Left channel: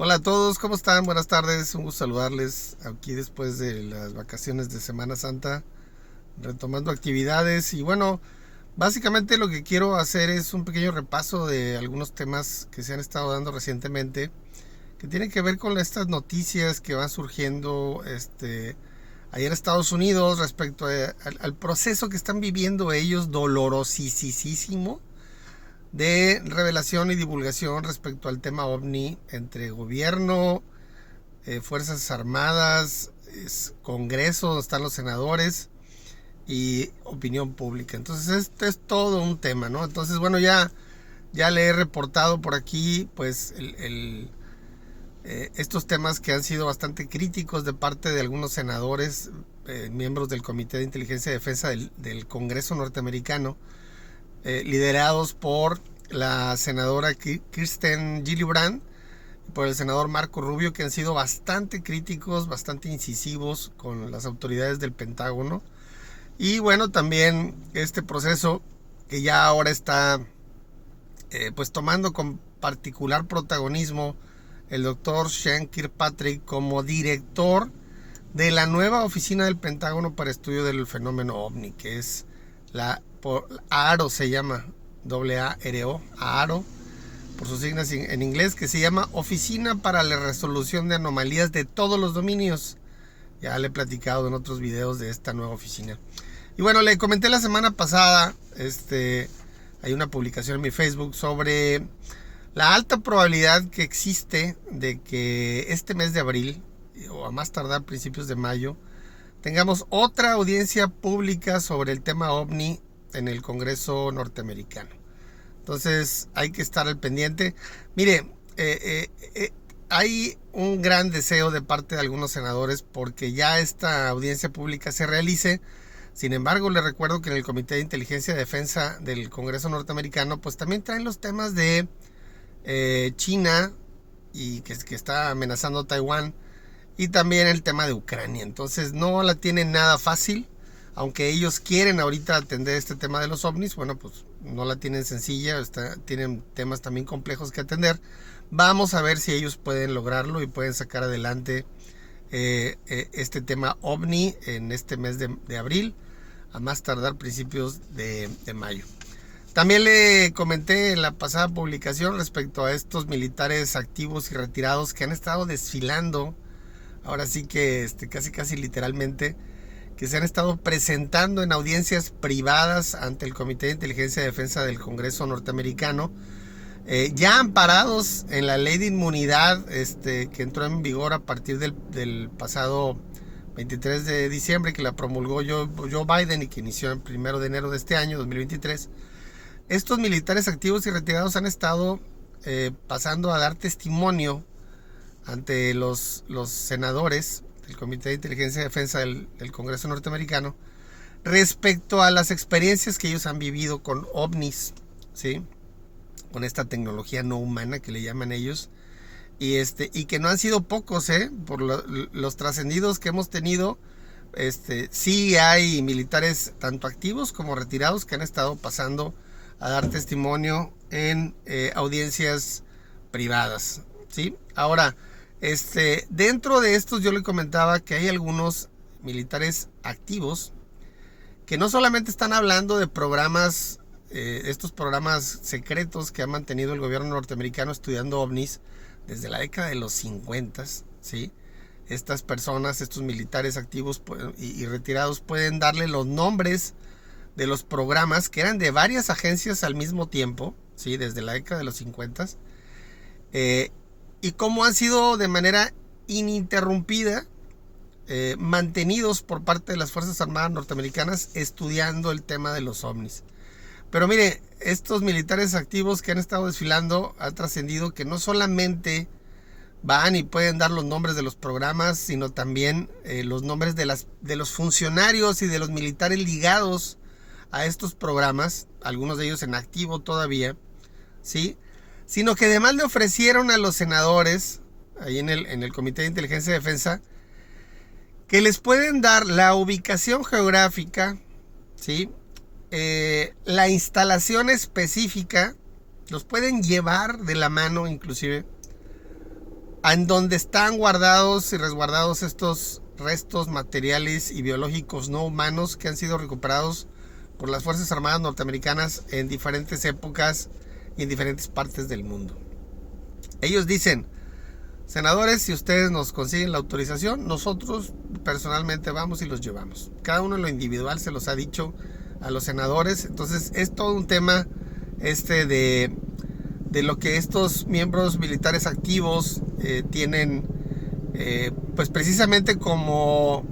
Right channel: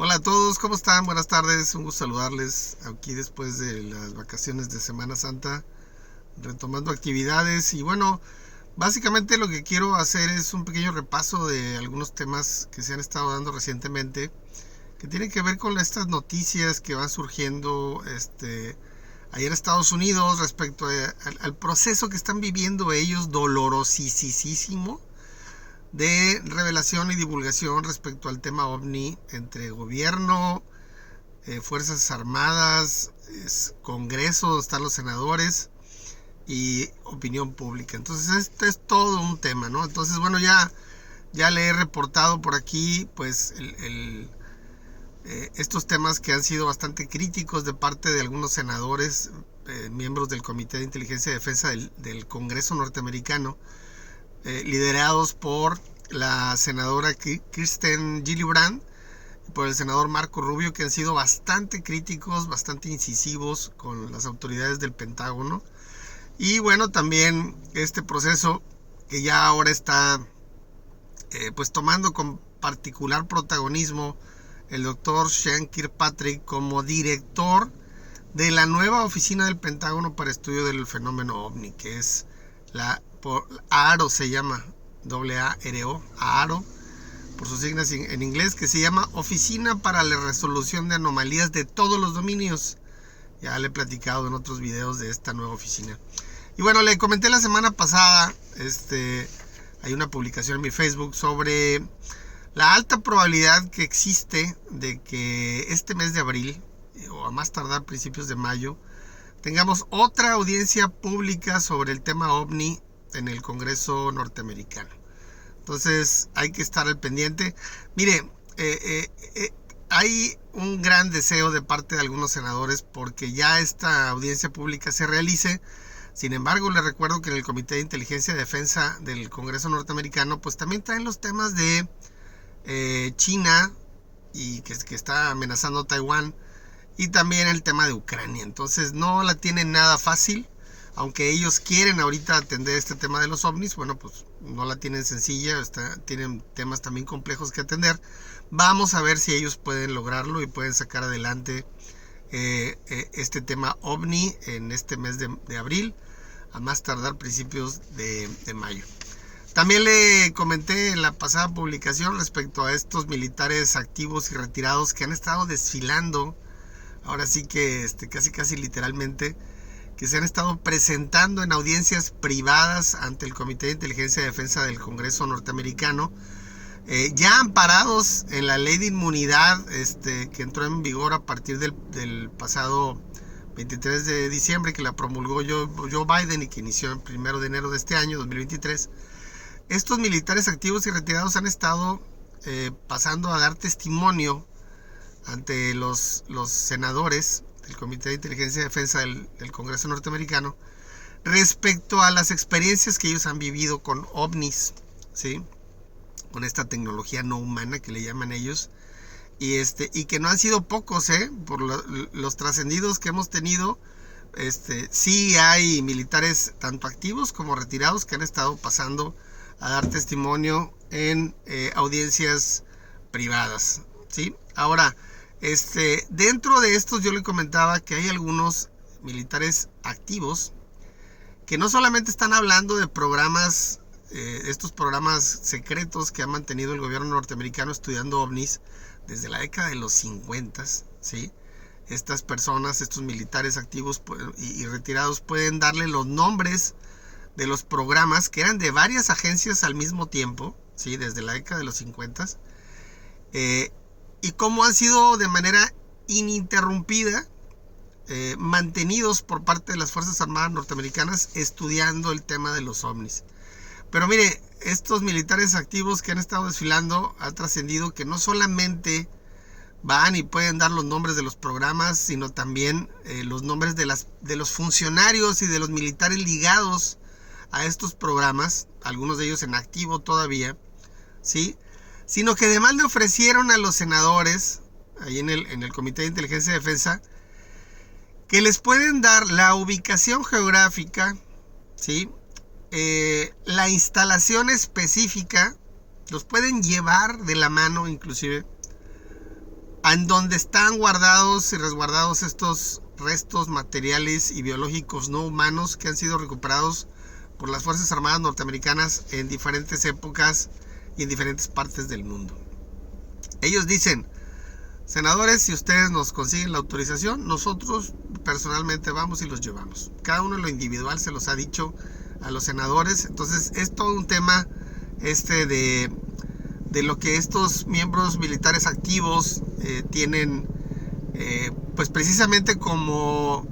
Hola a todos, ¿cómo están? Buenas tardes, un gusto saludarles aquí después de las vacaciones de Semana Santa, retomando actividades y bueno, básicamente lo que quiero hacer es un pequeño repaso de algunos temas que se han estado dando recientemente, que tienen que ver con estas noticias que van surgiendo ahí en Estados Unidos respecto al proceso que están viviendo ellos dolorosísimo de revelación y divulgación respecto al tema OVNI entre gobierno, Fuerzas Armadas, Congreso, donde están los senadores y opinión pública. Entonces este es todo un tema, ¿no? Entonces, bueno, ya le he reportado por aquí, pues, estos temas que han sido bastante críticos de parte de algunos senadores, miembros del Comité de Inteligencia y Defensa del Congreso norteamericano, liderados por la senadora Kirsten Gillibrand y por el senador Marco Rubio, que han sido bastante críticos, bastante incisivos con las autoridades del Pentágono. Y bueno, también este proceso que ya ahora está pues tomando con particular protagonismo el doctor Sean Kirkpatrick como director de la nueva oficina del Pentágono para estudio del fenómeno OVNI, que es la AARO, se llama AARO, AARO por sus siglas en inglés, que se llama Oficina para la Resolución de Anomalías de Todos los Dominios. Ya le he platicado en otros videos de esta nueva oficina. Y bueno, le comenté la semana pasada, hay una publicación en mi Facebook sobre la alta probabilidad que existe de que este mes de abril, o a más tardar principios de mayo, tengamos otra audiencia pública sobre el tema OVNI en el Congreso norteamericano. Entonces hay que estar al pendiente. Mire, hay un gran deseo de parte de algunos senadores porque ya esta audiencia pública se realice. Sin embargo, le recuerdo que en el Comité de Inteligencia y Defensa del Congreso norteamericano, pues también traen los temas de China y que está amenazando Taiwán, y también el tema de Ucrania. Entonces no la tienen nada fácil. Aunque ellos quieren ahorita atender este tema de los ovnis, bueno, pues no la tienen sencilla, tienen temas también complejos que atender. Vamos a ver si ellos pueden lograrlo y pueden sacar adelante este tema OVNI en este mes de abril, a más tardar principios de mayo. También le comenté en la pasada publicación respecto a estos militares activos y retirados que han estado desfilando, ahora sí que casi literalmente, que se han estado presentando en audiencias privadas ante el Comité de Inteligencia y Defensa del Congreso norteamericano, ya amparados en la ley de inmunidad que entró en vigor a partir del pasado 23 de diciembre, que la promulgó Joe Biden y que inició el 1 de enero de este año, 2023. Estos militares activos y retirados han estado pasando a dar testimonio ante los senadores del Comité de Inteligencia y Defensa del Congreso norteamericano respecto a las experiencias que ellos han vivido con ovnis, ¿sí? Con esta tecnología no humana que le llaman ellos, y que no han sido pocos, por los trascendidos que hemos tenido. Sí hay militares tanto activos como retirados que han estado pasando a dar testimonio en audiencias privadas, ¿sí? Ahora, dentro de estos yo le comentaba que hay algunos militares activos que no solamente están hablando de programas, estos programas secretos que ha mantenido el gobierno norteamericano estudiando ovnis desde la década de los 50, ¿sí? Estas personas, estos militares activos y retirados pueden darle los nombres de los programas que eran de varias agencias al mismo tiempo, ¿sí? Desde la década de los 50, y cómo han sido de manera ininterrumpida mantenidos por parte de las Fuerzas Armadas norteamericanas estudiando el tema de los ovnis. Pero mire, estos militares activos que han estado desfilando han trascendido que no solamente van y pueden dar los nombres de los programas, sino también los nombres de los funcionarios y de los militares ligados a estos programas, algunos de ellos en activo todavía, ¿sí? Sino que además le ofrecieron a los senadores, ahí en el Comité de Inteligencia y Defensa, que les pueden dar la ubicación geográfica, ¿sí? La instalación específica, los pueden llevar de la mano inclusive, en donde están guardados y resguardados estos restos materiales y biológicos no humanos que han sido recuperados por las Fuerzas Armadas norteamericanas en diferentes épocas y en diferentes partes del mundo. Ellos dicen: senadores, si ustedes nos consiguen la autorización, nosotros personalmente vamos y los llevamos. Cada uno en lo individual se los ha dicho a los senadores. Entonces es todo un tema de lo que estos miembros militares activos tienen pues precisamente como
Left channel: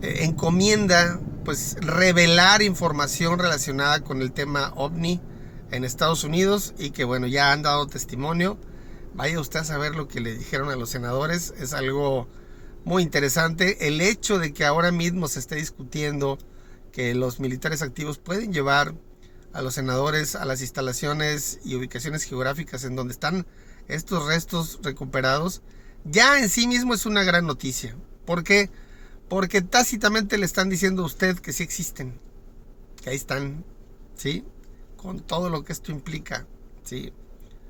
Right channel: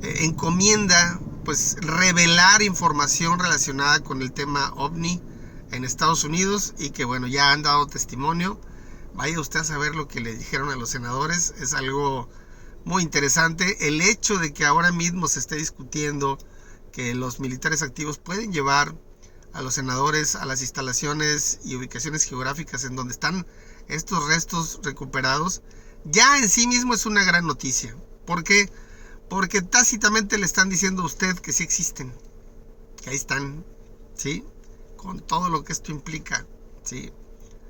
encomienda, pues revelar información relacionada con el tema OVNI en Estados Unidos, y que bueno, ya han dado testimonio. Vaya usted a saber lo que le dijeron a los senadores. Es algo muy interesante el hecho de que ahora mismo se esté discutiendo que los militares activos pueden llevar a los senadores a las instalaciones y ubicaciones geográficas en donde están estos restos recuperados. Ya en sí mismo es una gran noticia. ¿Por qué? Porque tácitamente le están diciendo a usted que sí existen, que ahí están, ¿sí? Con todo lo que esto implica, ¿sí?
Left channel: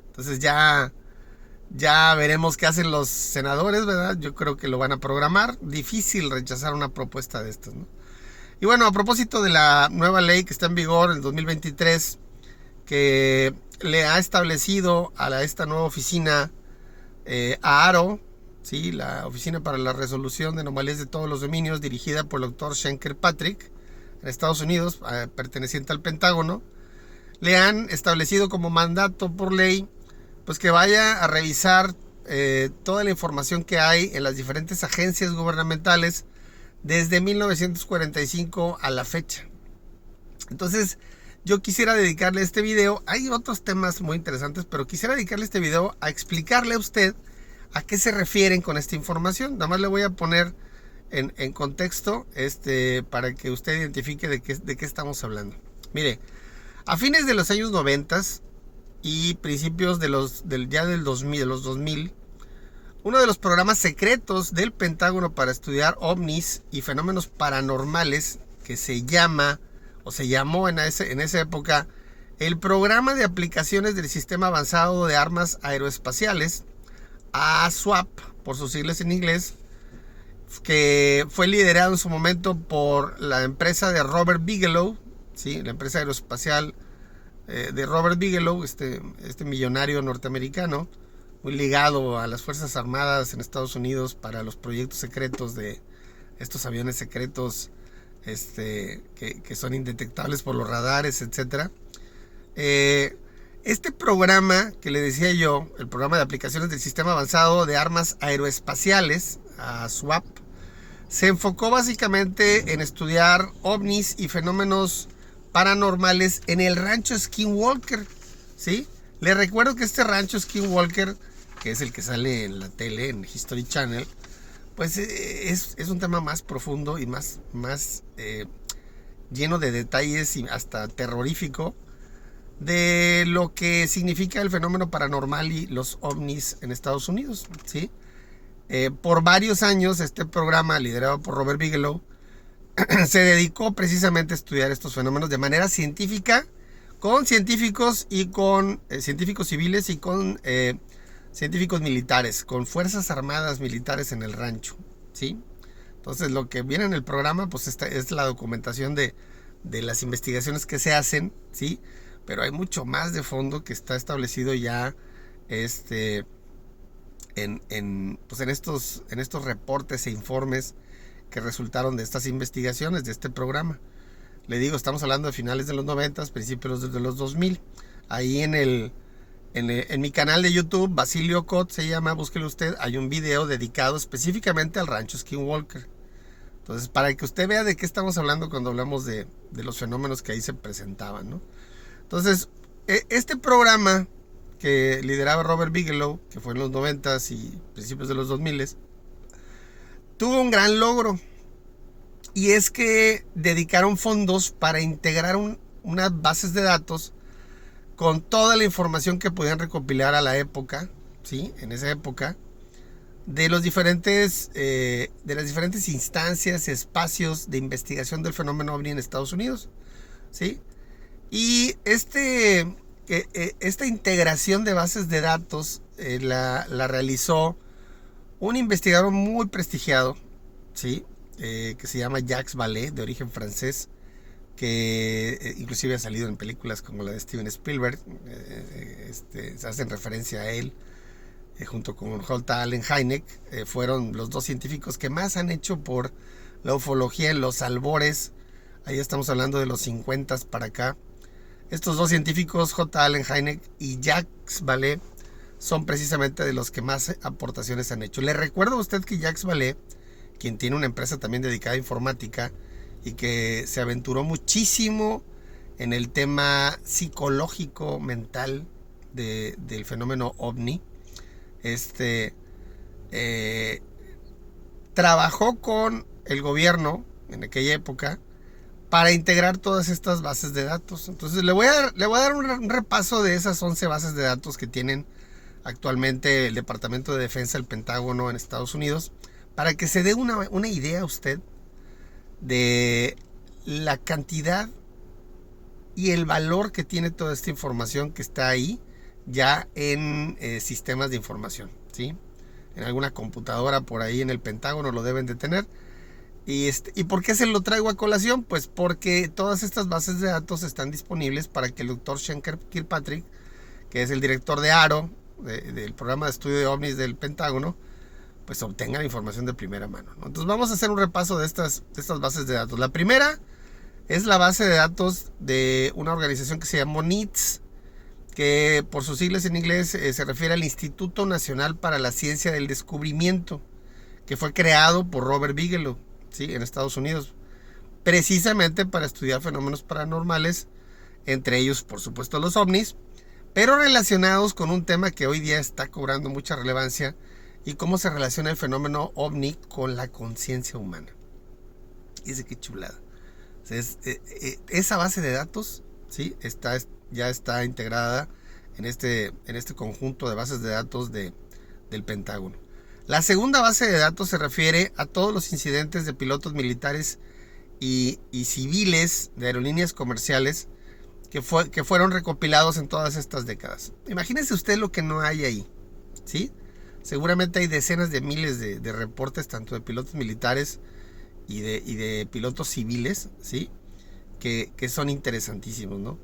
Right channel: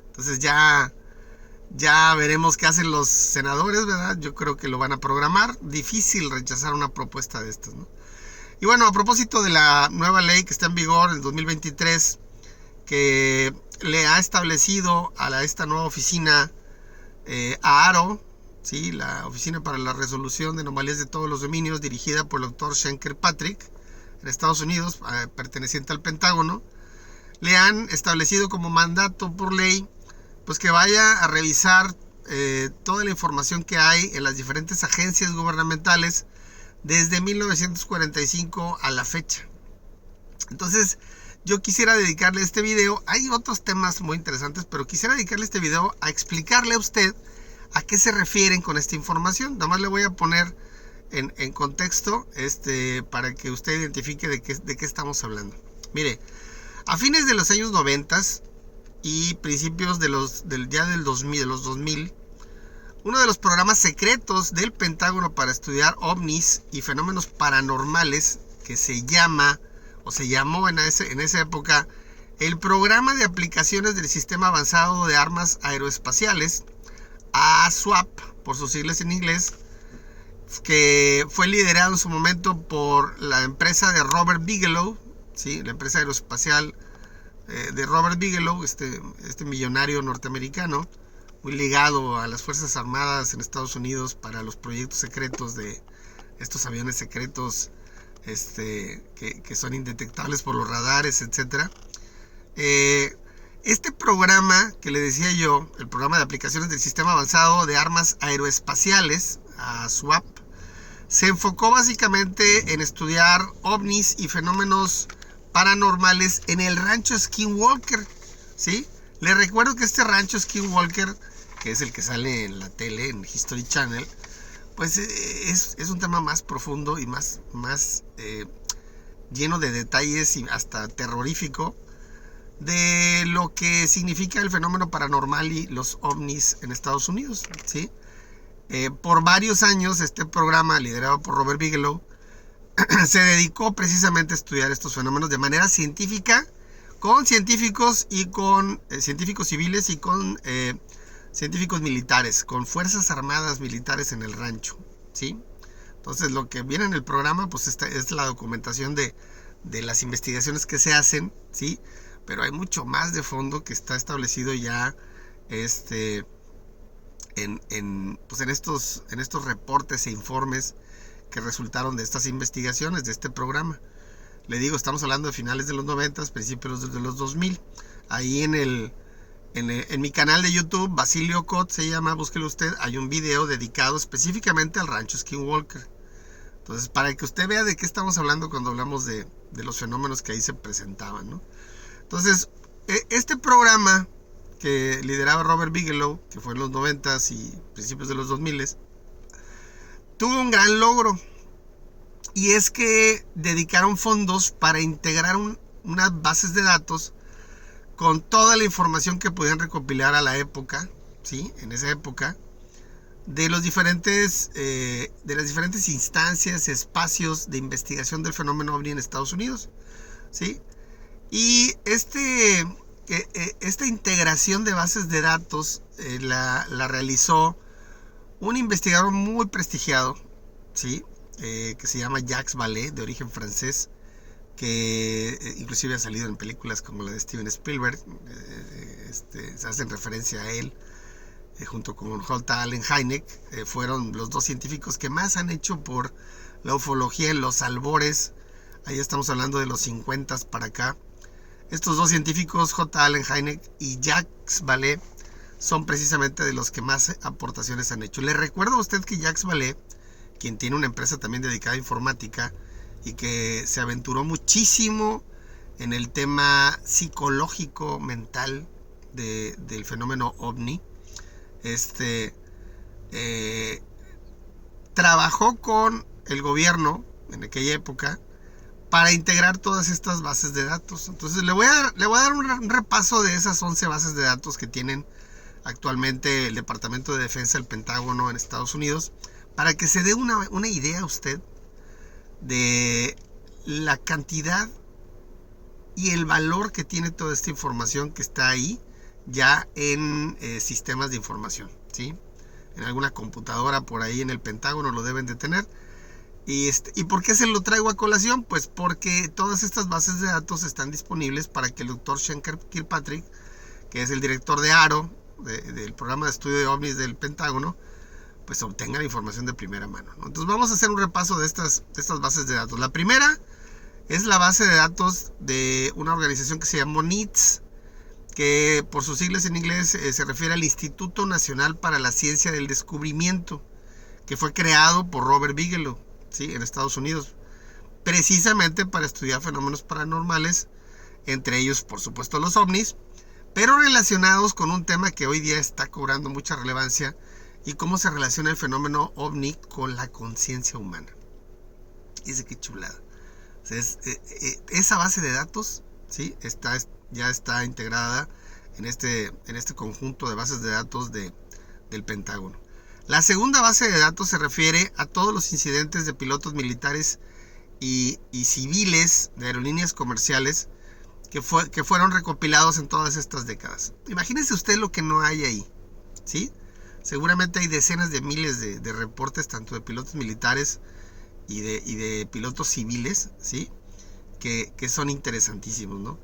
Entonces ya veremos qué hacen los senadores, ¿verdad? Yo creo que lo van a programar. Difícil rechazar una propuesta de estas, ¿no? Y bueno, a propósito de la nueva ley que está en vigor en 2023, que le ha establecido a esta nueva oficina, AARO, ¿sí? La Oficina para la Resolución de Anomalías de Todos los Dominios, dirigida por el doctor Sean Kirkpatrick, en Estados Unidos, perteneciente al Pentágono, le han establecido como mandato por ley, pues que vaya a revisar toda la información que hay en las diferentes agencias gubernamentales desde 1945 a la fecha. Entonces, yo quisiera dedicarle este video, hay otros temas muy interesantes, pero quisiera dedicarle este video a explicarle a usted a qué se refieren con esta información. Nada más le voy a poner en contexto para que usted identifique de qué estamos hablando. Mire, a fines de los años 90 y principios del 2000, uno de los programas secretos del Pentágono para estudiar ovnis y fenómenos paranormales, que se llamó en esa época el Programa de Aplicaciones del Sistema Avanzado de Armas Aeroespaciales, ASWAP por sus siglas en inglés, que fue liderado en su momento por la empresa de Robert Bigelow, ¿sí? La empresa aeroespacial de Robert Bigelow, este millonario norteamericano, muy ligado a las Fuerzas Armadas en Estados Unidos para los proyectos secretos de estos aviones secretos que son indetectables por los radares, etc. Este programa que le decía yo, el Programa de Aplicaciones del Sistema Avanzado de Armas Aeroespaciales, SWAP, se enfocó básicamente en estudiar ovnis y fenómenos paranormales en el rancho Skinwalker, ¿sí? Le recuerdo que este rancho Skinwalker, que es el que sale en la tele, en History Channel, pues es un tema más profundo y más lleno de detalles y hasta terrorífico de lo que significa el fenómeno paranormal y los ovnis en Estados Unidos, ¿sí? Por varios años este programa, liderado por Robert Bigelow, se dedicó precisamente a estudiar estos fenómenos de manera científica, con científicos y con científicos civiles y con científicos militares, con fuerzas armadas militares en el rancho, ¿sí? Entonces lo que viene en el programa pues es la documentación de las investigaciones que se hacen, ¿sí? Pero hay mucho más de fondo que está establecido ya en estos reportes e informes que resultaron de estas investigaciones, de este programa. Le digo, estamos hablando de finales de los 90, principios de los 2000. Ahí en mi canal de YouTube, Basilio Cot se llama, búsquelo usted, hay un video dedicado específicamente al rancho Skinwalker. Entonces, para que usted vea de qué estamos hablando cuando hablamos de los fenómenos que ahí se presentaban, ¿no? Entonces, este programa que lideraba Robert Bigelow, que fue en los 90s y principios de los 2000s, tuvo un gran logro, y es que dedicaron fondos para integrar unas bases de datos con toda la información que podían recopilar a la época, ¿sí? En esa época, de las diferentes instancias, espacios de investigación del fenómeno OVNI en Estados Unidos, ¿sí? Y esta integración de bases de datos la realizó un investigador muy prestigiado, ¿sí? Que se llama Jacques Vallée, de origen francés, que inclusive ha salido en películas como la de Steven Spielberg. Se hacen referencia a él, junto con J. Allen Hynek. Fueron los dos científicos que más han hecho por la ufología en los albores. Ahí estamos hablando de los 50 para acá. Estos dos científicos, J. Allen Hynek y Jacques Vallée, son precisamente de los que más aportaciones han hecho. Le recuerdo a usted que Jacques Vallée, quien tiene una empresa también dedicada a informática y que se aventuró muchísimo en el tema psicológico, mental del fenómeno OVNI, trabajó con el gobierno en aquella época para integrar todas estas bases de datos. Entonces le voy a dar un repaso de esas 11 bases de datos que tienen actualmente el Departamento de Defensa del Pentágono en Estados Unidos, para que se dé una idea a usted de la cantidad y el valor que tiene toda esta información que está ahí ya en sistemas de información, ¿sí? En alguna computadora por ahí en el Pentágono lo deben de tener. ¿Y por qué se lo traigo a colación? Pues porque todas estas bases de datos están disponibles para que el doctor Sean Kirkpatrick, que es el director de AARO, del programa de estudio de ovnis del Pentágono, pues obtenga la información de primera mano, ¿no? Entonces vamos a hacer un repaso de estas bases de datos. La primera es la base de datos de una organización que se llama NITS, que por sus siglas en inglés se refiere al Instituto Nacional para la Ciencia del Descubrimiento, que fue creado por Robert Bigelow, ¿sí? En Estados Unidos, precisamente para estudiar fenómenos paranormales, entre ellos por supuesto los ovnis, pero relacionados con un tema que hoy día está cobrando mucha relevancia, y cómo se relaciona el fenómeno ovni con la conciencia humana. Y dice, qué chulada. O sea, esa base de datos, ¿sí? Ya está integrada en este conjunto de bases de datos del Pentágono. La segunda base de datos se refiere a todos los incidentes de pilotos militares y civiles de aerolíneas comerciales que fueron recopilados en todas estas décadas. Imagínese usted lo que no hay ahí, ¿sí? Seguramente hay decenas de miles de reportes, tanto de pilotos militares y de pilotos civiles, ¿sí? Que son interesantísimos, ¿no?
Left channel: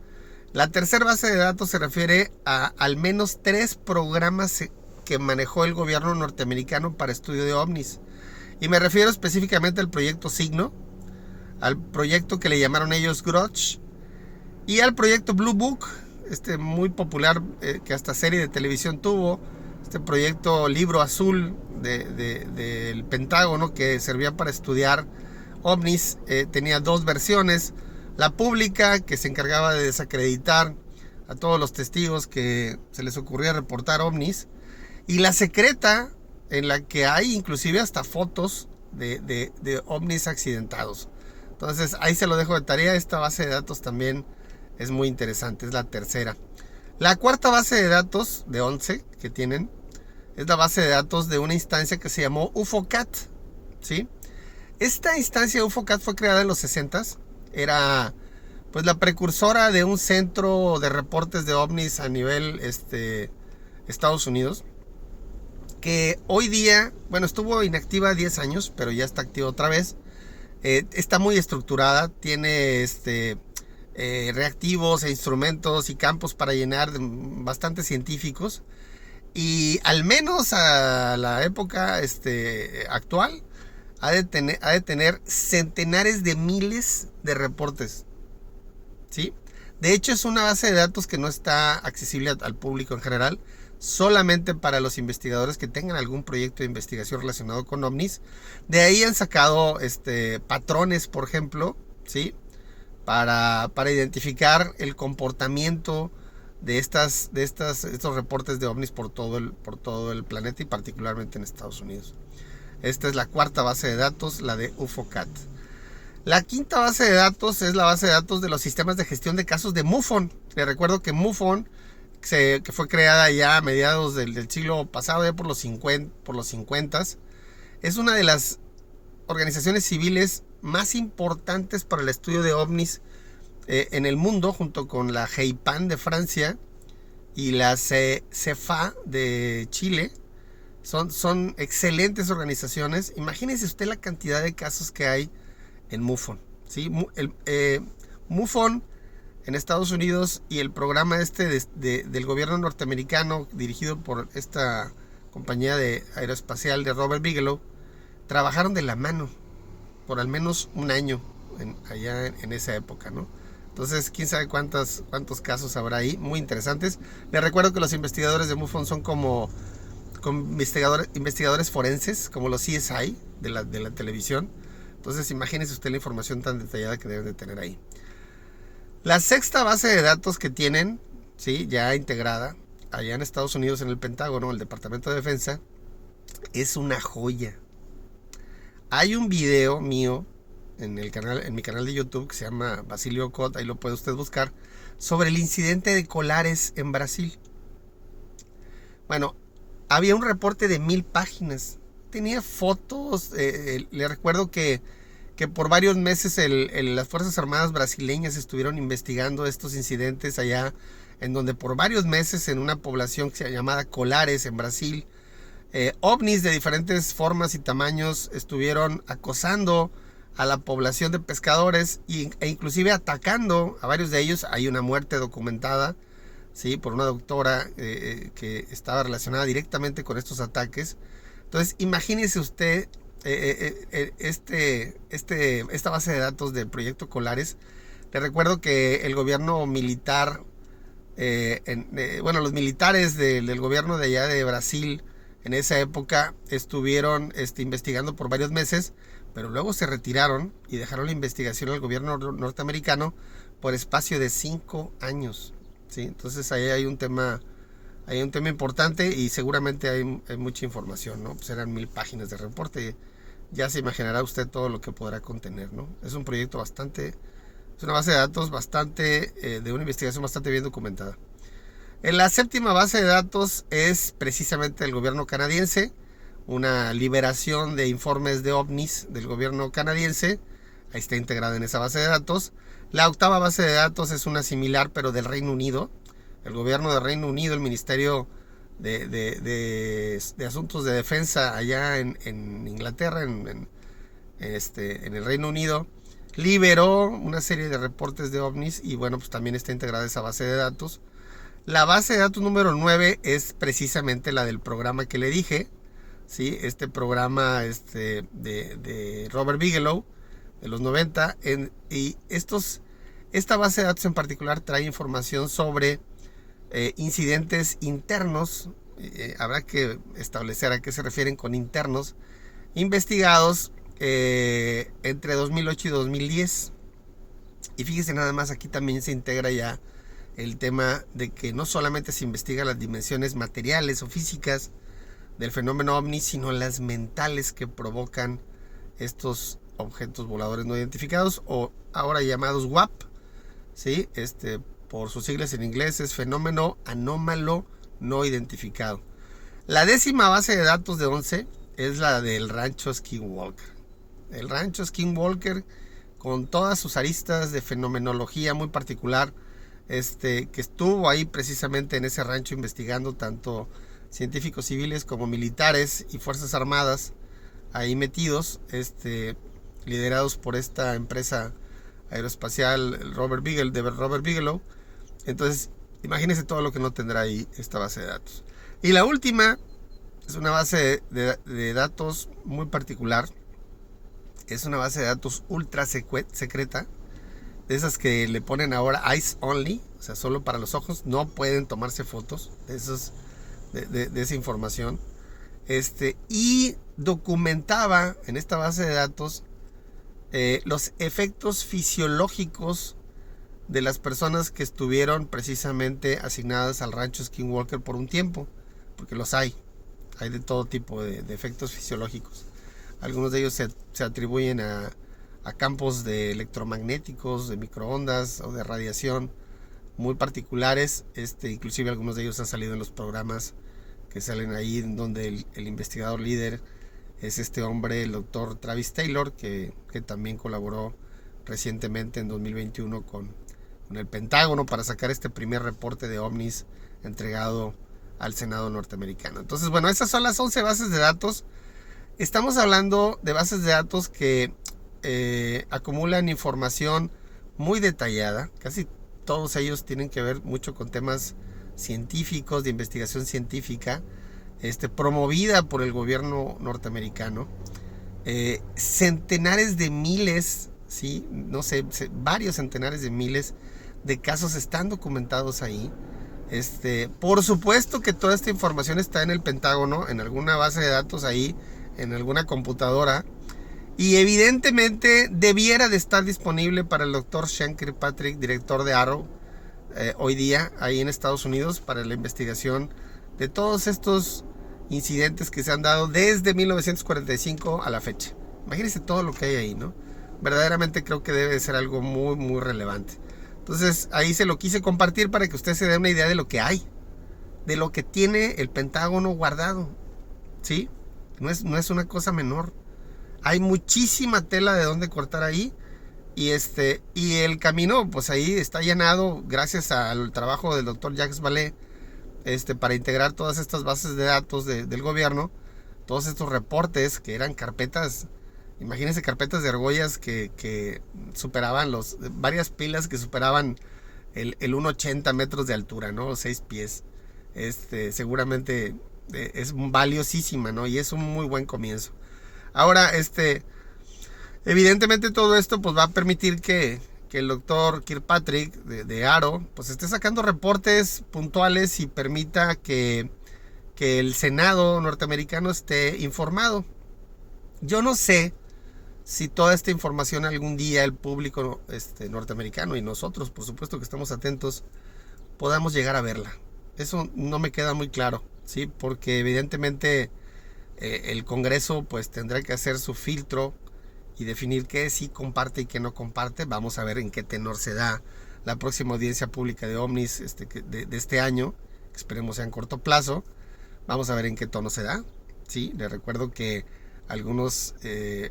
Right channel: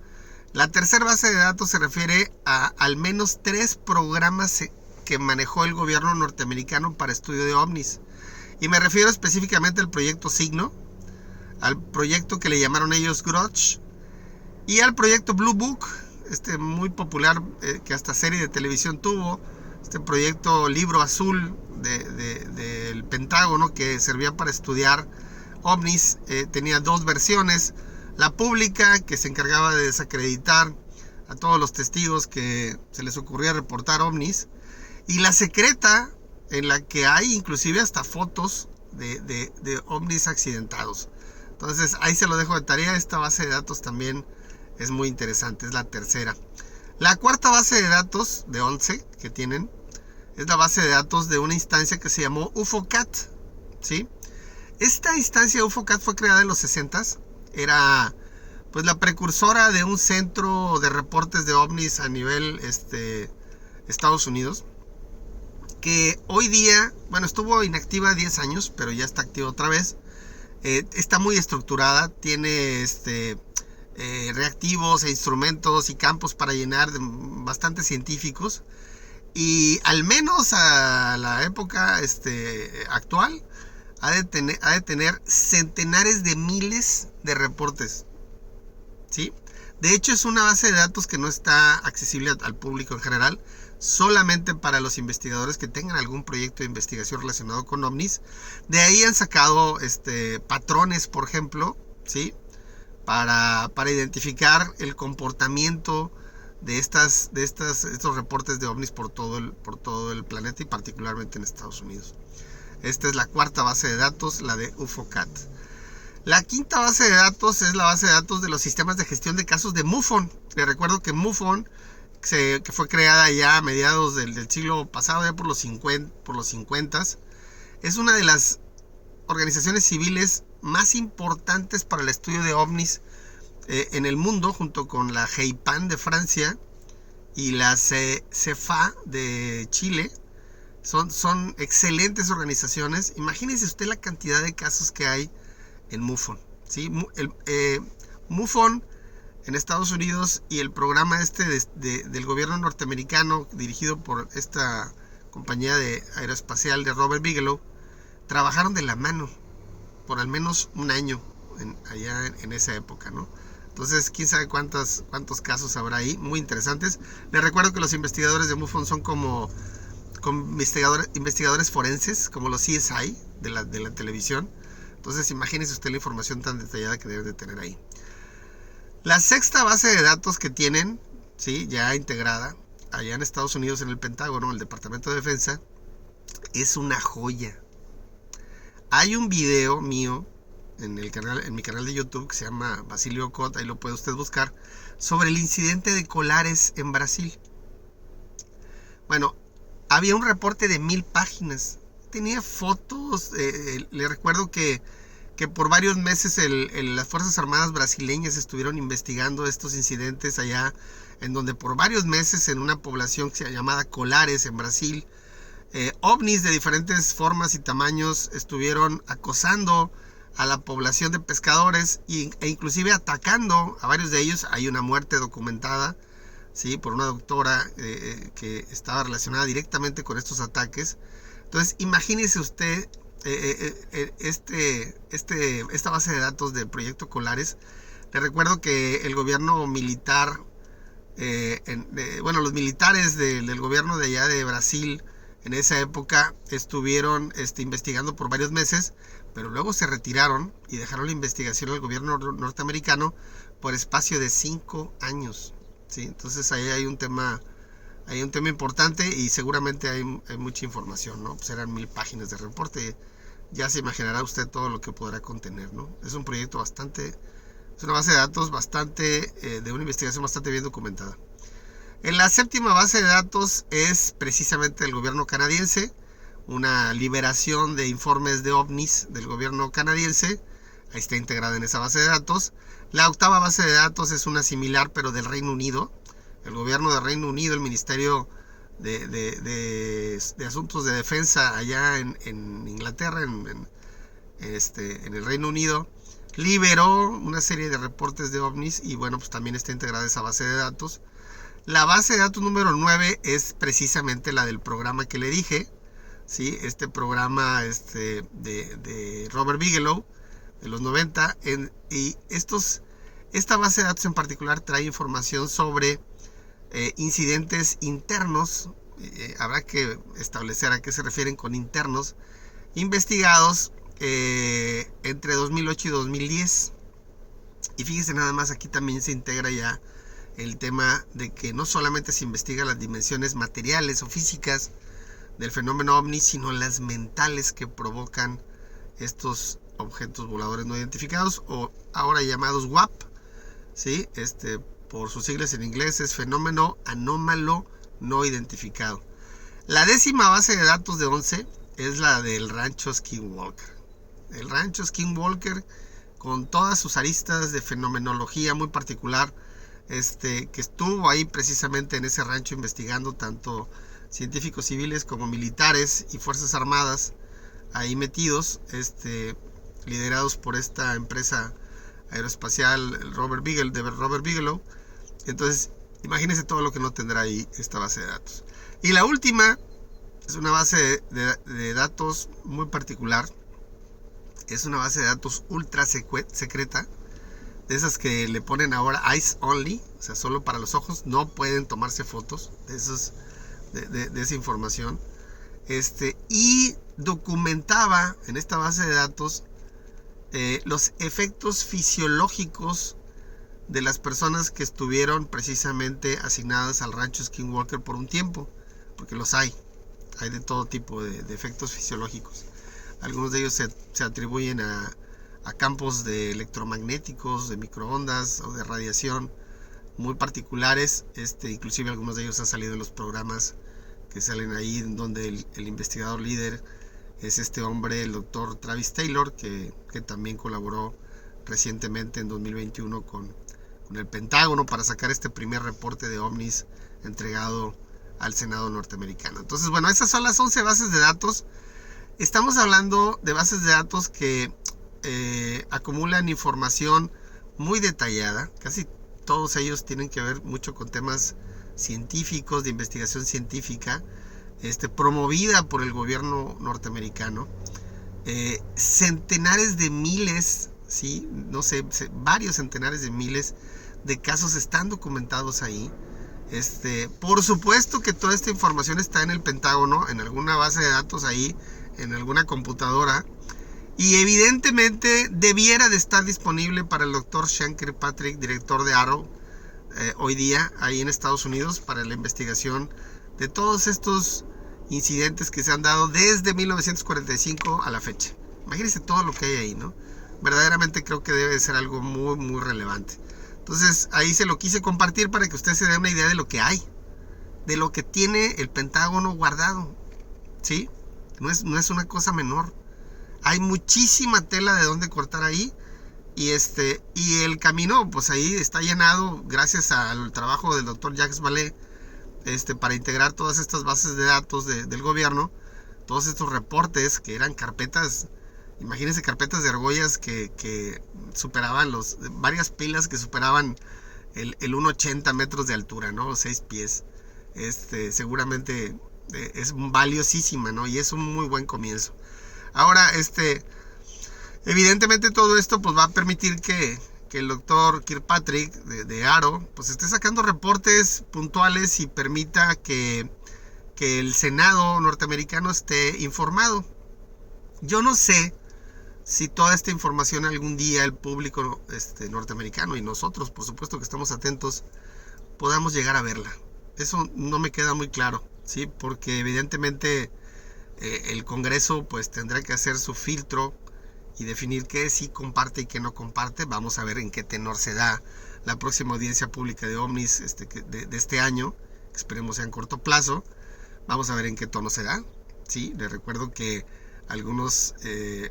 La tercera base de datos se refiere a al menos 3 programas que manejó el gobierno norteamericano para estudio de ovnis. Y me refiero específicamente al proyecto Signo, al proyecto que le llamaron ellos Grudge, y al proyecto Blue Book, muy popular, que hasta serie de televisión tuvo. Este proyecto Libro Azul del Pentágono, que servía para estudiar ovnis, tenía 2 versiones. La pública, que se encargaba de desacreditar a todos los testigos que se les ocurría reportar ovnis, y la secreta, en la que hay inclusive hasta fotos de ovnis accidentados. Entonces ahí se lo dejo de tarea. Esta base de datos también es muy interesante, es la tercera. La cuarta base de datos, de 11 que tienen, es la base de datos de una instancia que se llamó UFOCAT, ¿sí? Esta instancia UFOCAT fue creada en los 60s. Era pues la precursora de un centro de reportes de ovnis a nivel Estados Unidos, que hoy día, bueno, estuvo inactiva 10 años, pero ya está activa otra vez. Está muy estructurada, tiene reactivos e instrumentos y campos para llenar, bastante científicos, y al menos a la época actual ha de tener centenares de miles de reportes, ¿sí? De hecho, es una base de datos que no está accesible al público en general, solamente para los investigadores que tengan algún proyecto de investigación relacionado con ovnis. De ahí han sacado patrones, por ejemplo, ¿sí? Para identificar el comportamiento de estos reportes de ovnis por todo el planeta, y particularmente en Estados Unidos. Esta es la cuarta base de datos, la de UFOCAT. La quinta base de datos es la base de datos de los sistemas de gestión de casos de MUFON. Les recuerdo que MUFON, que fue creada ya a mediados del siglo pasado, ya por los 50s, es una de las organizaciones civiles más importantes para el estudio de ovnis en el mundo, junto con la GEIPAN de Francia y la CEFA de Chile. Son excelentes organizaciones. Imagínese usted la cantidad de casos que hay en MUFON, ¿sí? MUFON en Estados Unidos y el programa del gobierno norteamericano dirigido por esta compañía aeroespacial de Robert Bigelow trabajaron de la mano por al menos un año allá en esa época, ¿no? Entonces, quién sabe cuántos casos habrá ahí, muy interesantes. Les recuerdo que los investigadores de MUFON son como investigadores forenses, como los CSI de la televisión. Entonces, imagínese usted la información tan detallada que deben de tener ahí. La sexta base de datos que tienen, ¿sí?, ya integrada allá en Estados Unidos, en el Pentágono, el Departamento de Defensa, es una joya. Hay un video mío en mi canal de YouTube que se llama Basilio Cot, ahí lo puede usted buscar, sobre el incidente de Colares en Brasil. Bueno, había un reporte de 1000 páginas. Tenía fotos. Le recuerdo que por varios meses las Fuerzas Armadas brasileñas estuvieron investigando estos incidentes allá, en donde por varios meses en una población llamada Colares en Brasil, ovnis de diferentes formas y tamaños estuvieron acosando a la población de pescadores e inclusive atacando a varios de ellos. Hay una muerte documentada, ¿sí?, por una doctora que estaba relacionada directamente con estos ataques. Entonces, imagínese usted esta base de datos del proyecto Colares. Le recuerdo que el gobierno militar, los militares del gobierno de allá de Brasil en esa época estuvieron investigando por varios meses, pero luego se retiraron y dejaron la investigación al gobierno norteamericano por espacio de 5 años. ¿Sí? Entonces ahí hay un tema importante y seguramente hay mucha información, ¿no? Pues eran 1000 páginas de reporte. Ya se imaginará usted todo lo que podrá contener, ¿no? Es un proyecto es una base de datos de una investigación bastante bien documentada. En la séptima base de datos es precisamente el gobierno canadiense, una liberación de informes de ovnis del gobierno canadiense. Ahí está integrada en esa base de datos. La octava base de datos es una similar, pero del Reino Unido. El gobierno del Reino Unido, el Ministerio de Asuntos de Defensa allá en Inglaterra, en el Reino Unido, liberó una serie de reportes de ovnis y bueno, pues también está integrada esa base de datos. La base de datos número 9 es precisamente la del programa que le dije, ¿sí? Este programa de Robert Bigelow de los 90, esta base de datos en particular trae información sobre incidentes internos. Habrá que establecer a qué se refieren con internos, investigados entre 2008 y 2010. Y fíjese nada más, aquí también se integra ya el tema de que no solamente se investigan las dimensiones materiales o físicas del fenómeno ovni, sino las mentales que provocan estos objetos voladores no identificados, o ahora llamados WAP, ¿sí? Por sus siglas en inglés es fenómeno anómalo no identificado. La décima base de datos de 11 es la del rancho Skinwalker. El rancho Skinwalker, con todas sus aristas de fenomenología muy particular, que estuvo ahí precisamente en ese rancho investigando tanto científicos civiles como militares y fuerzas armadas ahí metidos, liderados por esta empresa aeroespacial Robert Bigelow. Entonces, imagínense todo lo que no tendrá ahí esta base de datos. Y la última es una base de datos muy particular. Es una base de datos ultra secreta, de esas que le ponen ahora eyes only, o sea, solo para los ojos, no pueden tomarse fotos de esa información. Y documentaba en esta base de datos los efectos fisiológicos de las personas que estuvieron precisamente asignadas al rancho Skinwalker por un tiempo, porque los hay de todo tipo de efectos fisiológicos. Algunos de ellos se atribuyen a campos electromagnéticos, de microondas o de radiación muy particulares. Inclusive algunos de ellos han salido en los programas que salen ahí, donde el investigador líder es este hombre, el doctor Travis Taylor, que también colaboró recientemente en 2021 con el Pentágono para sacar este primer reporte de ovnis entregado al Senado norteamericano. Entonces, bueno, esas son las 11 bases de datos. Estamos hablando de bases de datos que acumulan información muy detallada. Casi todos ellos tienen que ver mucho con temas científicos, de investigación científica, promovida por el gobierno norteamericano. Centenares de miles, ¿sí? No sé, varios centenares de miles de casos están documentados ahí. Por supuesto que toda esta información está en el Pentágono, en alguna base de datos ahí, en alguna computadora, y evidentemente debiera de estar disponible para el doctor Sean Kirkpatrick, director de AARO, hoy día ahí en Estados Unidos, para la investigación de todos estos incidentes que se han dado desde 1945 a la fecha. Imagínense todo lo que hay ahí, ¿no? Verdaderamente creo que debe de ser algo muy, muy relevante. Entonces ahí se lo quise compartir para que usted se dé una idea de lo que hay, de lo que tiene el Pentágono guardado, ¿sí? No es una cosa menor. Hay muchísima tela de dónde cortar ahí. Y el camino, pues ahí está llenado gracias al trabajo del doctor Jacques Vallée, para integrar todas estas bases de datos del gobierno, todos estos reportes que eran carpetas. Imagínense carpetas de argollas que superaban varias pilas que superaban el 1,80 metros de altura, ¿no? 6 pies. Seguramente es valiosísima, ¿no? Y es un muy buen comienzo. Ahora, evidentemente todo esto pues va a permitir que el doctor Kirkpatrick de AARO pues esté sacando reportes puntuales y permita que el Senado norteamericano esté informado. Yo no sé si toda esta información algún día el público norteamericano y nosotros, por supuesto que estamos atentos, podamos llegar a verla. Eso no me queda muy claro, ¿sí? Porque evidentemente el Congreso pues tendrá que hacer su filtro y definir qué sí comparte y qué no comparte. Vamos a ver en qué tenor se da la próxima audiencia pública de OVNIs de este año. Esperemos sea en corto plazo. Vamos a ver en qué tono se da, ¿sí? Les recuerdo que algunos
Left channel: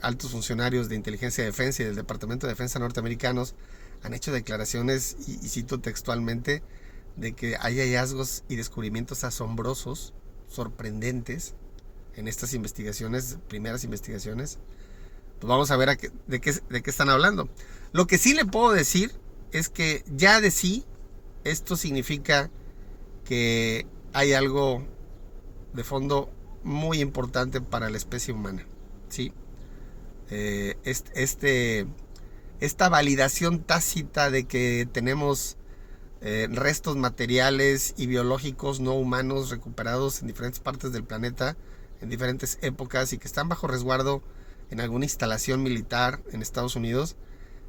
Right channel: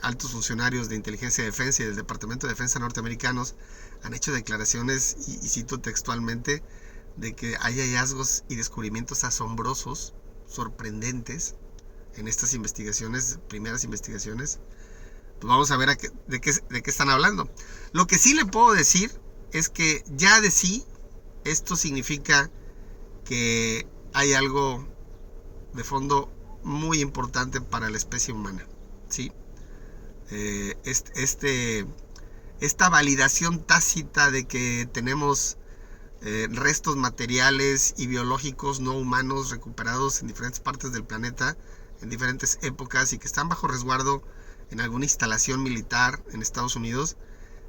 altos funcionarios de inteligencia de defensa y del Departamento de Defensa norteamericanos han hecho declaraciones, y cito textualmente, de que hay hallazgos y descubrimientos asombrosos, sorprendentes, en estas investigaciones, primeras investigaciones. Pues vamos a ver de qué están hablando. Lo que sí le puedo decir es que ya de sí esto significa que hay algo de fondo muy importante para la especie humana, ¿sí? Esta validación tácita de que tenemos restos materiales y biológicos no humanos recuperados en diferentes partes del planeta, en diferentes épocas, y que están bajo resguardo en alguna instalación militar en Estados Unidos,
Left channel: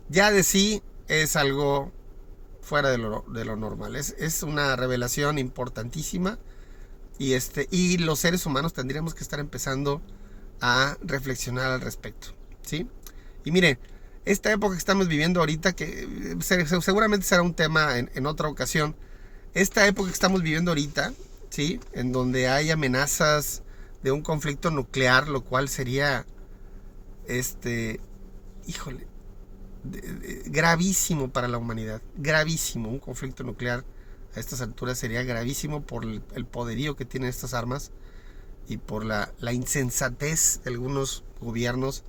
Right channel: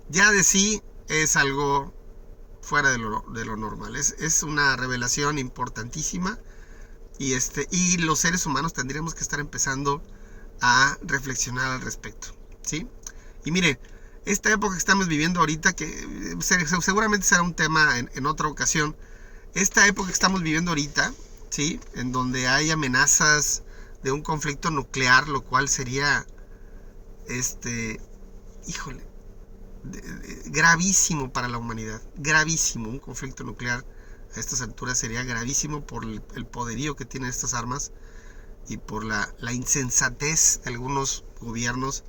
ya de sí es algo fuera de lo normal. Es una revelación importantísima, y los seres humanos tendríamos que estar empezando a reflexionar al respecto, ¿sí? Y mire, esta época que estamos viviendo ahorita, que seguramente será un tema en otra ocasión, esta época que estamos viviendo ahorita, ¿sí? En donde hay amenazas de un conflicto nuclear, lo cual sería gravísimo para la humanidad, gravísimo. Un conflicto nuclear a estas alturas sería gravísimo por el poderío que tienen estas armas y por la insensatez de algunos gobiernos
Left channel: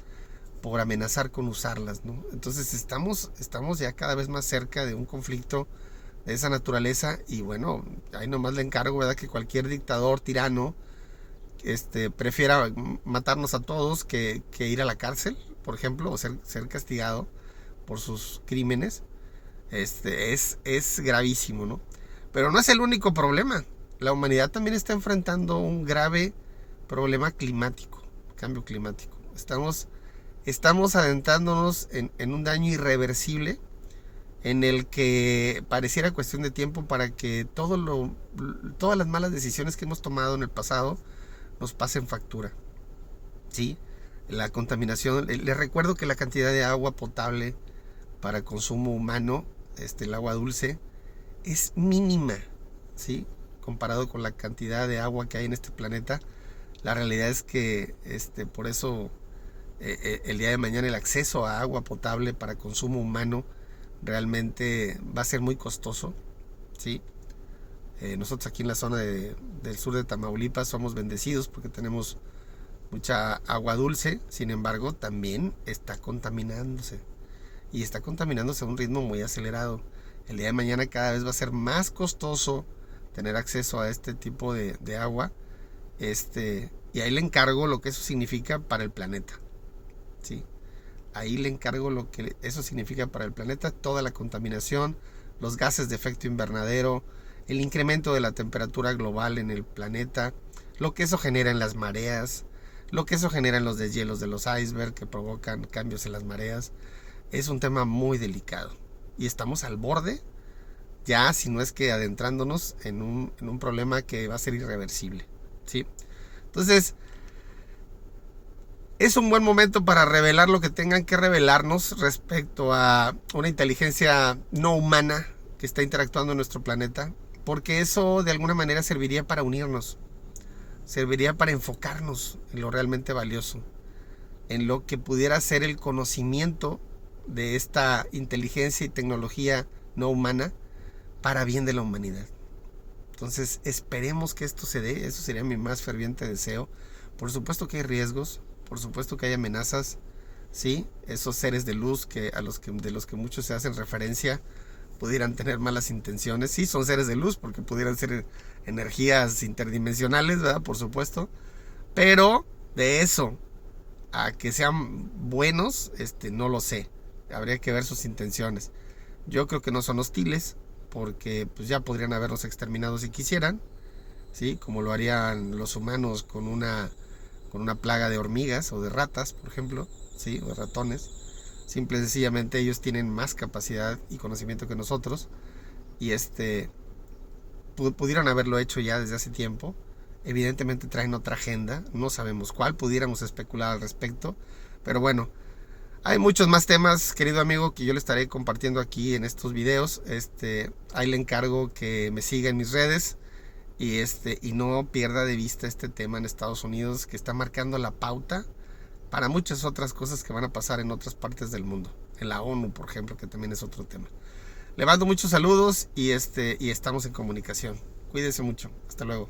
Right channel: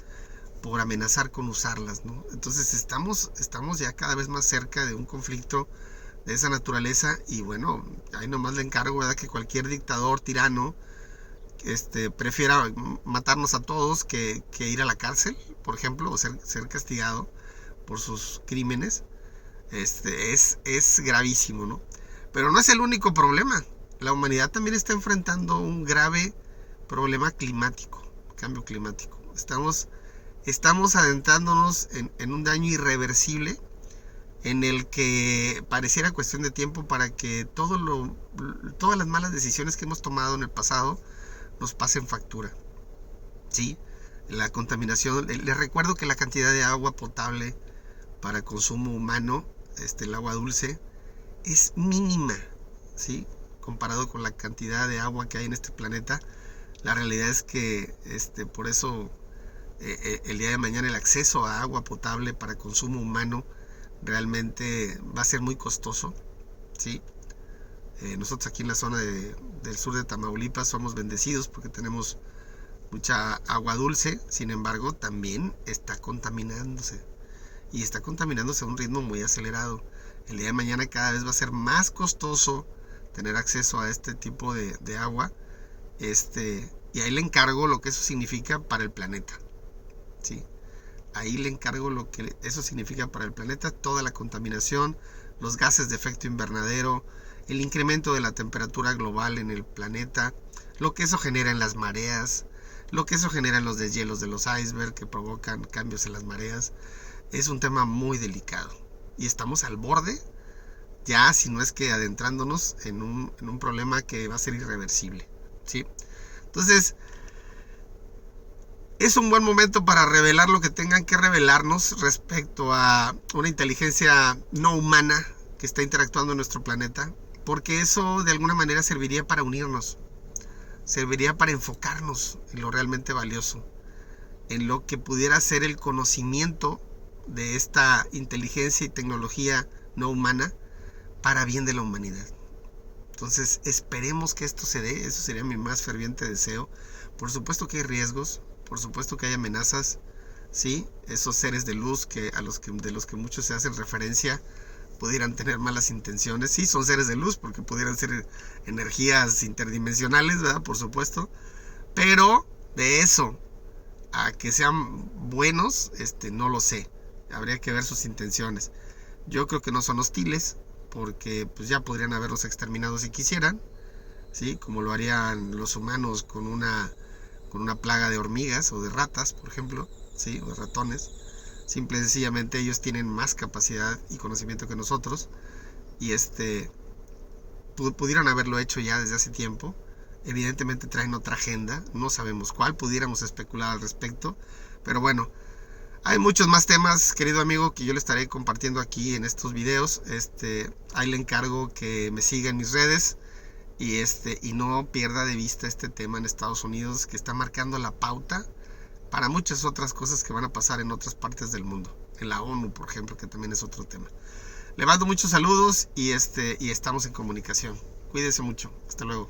por amenazar con usarlas, ¿no? Entonces estamos ya cada vez más cerca de un conflicto de esa naturaleza, y bueno, ahí nomás le encargo, ¿verdad?, que cualquier dictador tirano prefiera matarnos a todos que ir a la cárcel, por ejemplo, o ser castigado por sus crímenes. Es gravísimo, ¿no? Pero no es el único problema. La humanidad también está enfrentando un grave problema climático, cambio climático. Estamos adentrándonos en un daño irreversible, en el que pareciera cuestión de tiempo para que todas las malas decisiones que hemos tomado en el pasado nos pasen factura, ¿sí? La contaminación, les recuerdo que la cantidad de agua potable para consumo humano, el agua dulce, es mínima, ¿sí? Comparado con la cantidad de agua que hay en este planeta. La realidad es que por eso el día de mañana el acceso a agua potable para consumo humano realmente va a ser muy costoso, ¿sí? Nosotros aquí en la zona del sur de Tamaulipas somos bendecidos porque tenemos mucha agua dulce. Sin embargo, también está contaminándose. Y está contaminándose a un ritmo muy acelerado. El día de mañana cada vez va a ser más costoso tener acceso a este tipo de agua. Y ahí le encargo lo que eso significa para el planeta. ¿Sí? Ahí le encargo lo que eso significa para el planeta. Toda la contaminación, los gases de efecto invernadero, el incremento de la temperatura global en el planeta, lo que eso genera en las mareas, lo que eso genera en los deshielos de los icebergs que provocan cambios en las mareas. Es un tema muy delicado y estamos al borde, ya si no es que adentrándonos en un problema que va a ser irreversible, ¿sí? Entonces, es un buen momento para revelar lo que tengan que revelarnos respecto a una inteligencia no humana que está interactuando en nuestro planeta, porque eso de alguna manera serviría para unirnos, serviría para enfocarnos en lo realmente valioso, en lo que pudiera ser el conocimiento de esta inteligencia y tecnología no humana para bien de la humanidad. Entonces esperemos que esto se dé, eso sería mi más ferviente deseo. Por supuesto que hay riesgos, por supuesto que hay amenazas, ¿sí? Esos seres de luz de los que muchos se hacen referencia pudieran tener malas intenciones. Sí, son seres de luz porque pudieran ser energías interdimensionales, ¿verdad? Por supuesto. Pero de eso a que sean buenos, no lo sé. Habría que ver sus intenciones. Yo creo que no son hostiles porque pues ya podrían haberlos exterminado si quisieran, ¿sí? Como lo harían los humanos con una plaga de hormigas o de ratas, por ejemplo, ¿sí? O de ratones. Simple y sencillamente ellos tienen más capacidad y conocimiento que nosotros y pudieran haberlo hecho ya desde hace tiempo. Evidentemente traen otra agenda, no sabemos cuál, pudiéramos especular al respecto, pero bueno, hay muchos más temas, querido amigo, que yo le estaré compartiendo aquí en estos videos. Ahí le encargo que me siga en mis redes y no pierda de vista este tema en Estados Unidos, que está marcando la pauta para muchas otras cosas que van a pasar en otras partes del mundo, en la ONU, por ejemplo, que también es otro tema. Le mando muchos saludos y estamos en comunicación. Cuídese mucho. Hasta luego.